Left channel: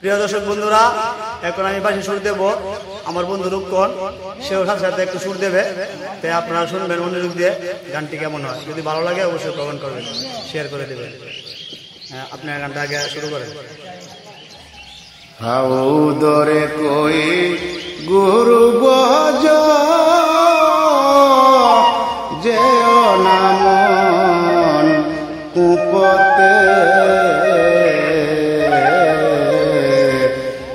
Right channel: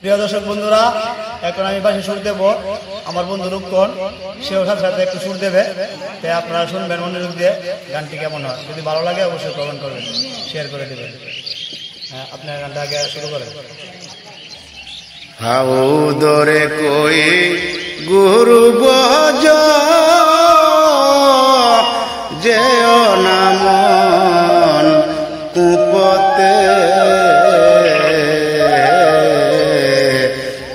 প্রিয় দর্শক বন্ধুরা, এখন আমি বাসে সুর দেব। আমার বন্ধু রূপকন সেও সাথে সাথে একটু সুর দেবে, তাই আপনারা শুনবেন মনোযোগ দিয়ে গানটি কেমন হয়। যদি ভালো লাগে অবশ্যই কমেন্ট করবেন, শেয়ার করে দেবেন। আপনার গানটা আগে শুরু করেন। হাউ দরে কই গুরু বজ যেও নামন কুপতে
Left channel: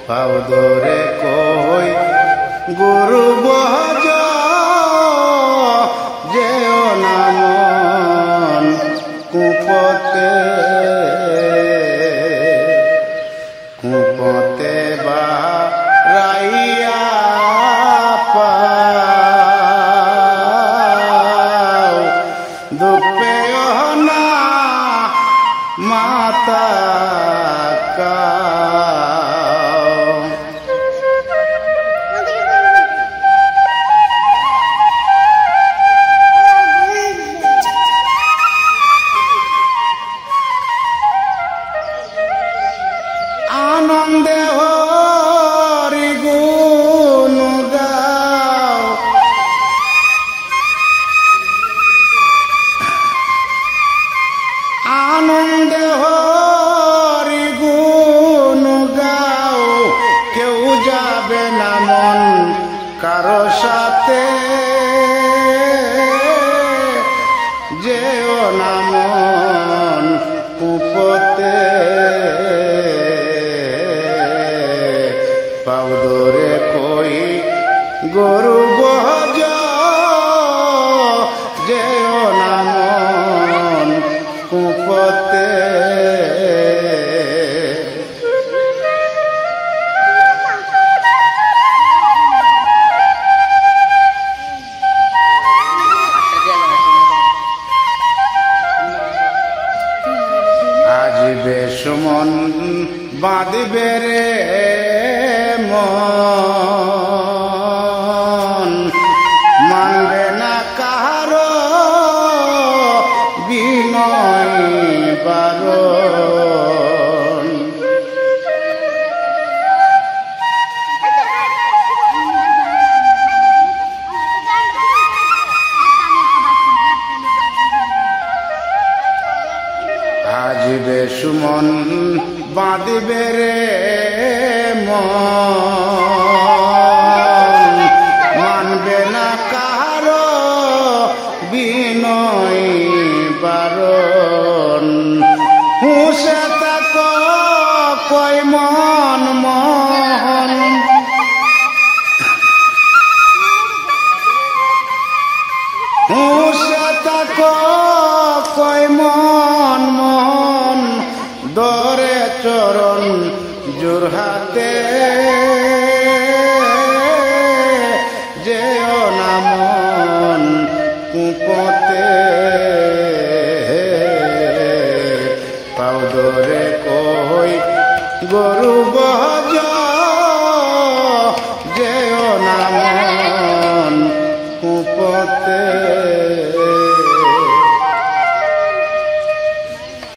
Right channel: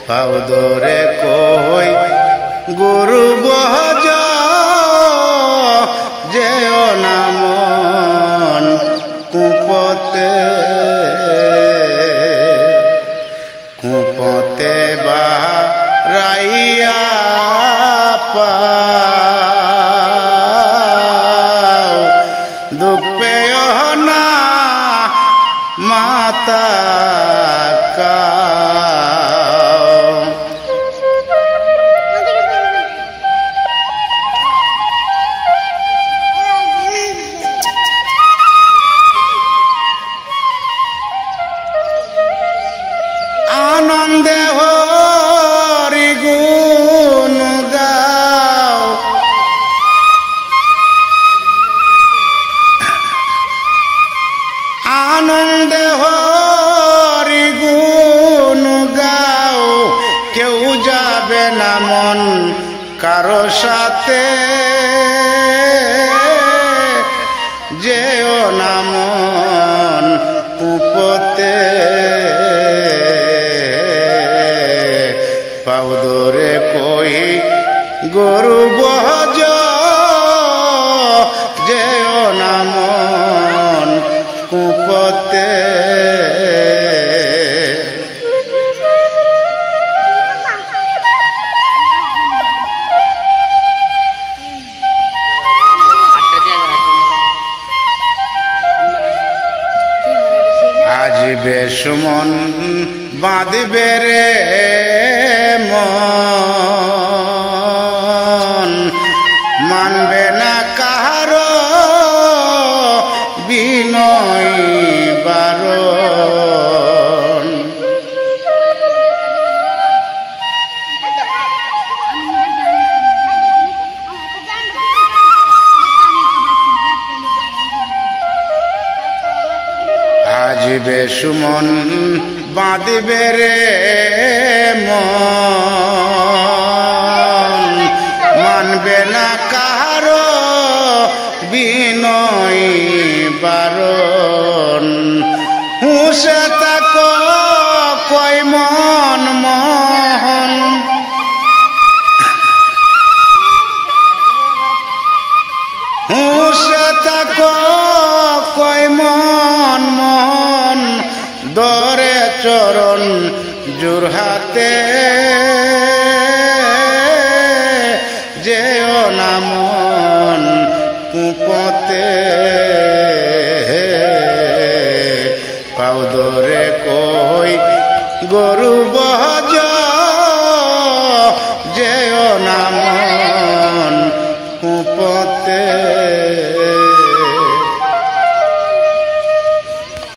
হাউ দরে কই গুরু বজ যেও নামন কুপতে কুপতে বা রাইয়া পাও দুপে না মাতা কাও আনন্দে হরি গুণ গাও আনন্দে হরি গুণ গাও কেউ যাবে না মন কারো সাথে যেও না মন কুপতে পাউদরে কই গরু বজ যেও না মন কুপতে আজ বেসুমন বাঁধবে রে মন মানবে না কাহারো বিনয় বারণ আজ বেসুমন বাঁধবে রে মন মানবে না কাহারো বিনয় বারণ হুঁসে তাক কয় মন মহন হুঁসে তাক কয় মন মন দরে চরণ জোরহাতে যেও না মন কুপতে পাউদরে কই গরু বহ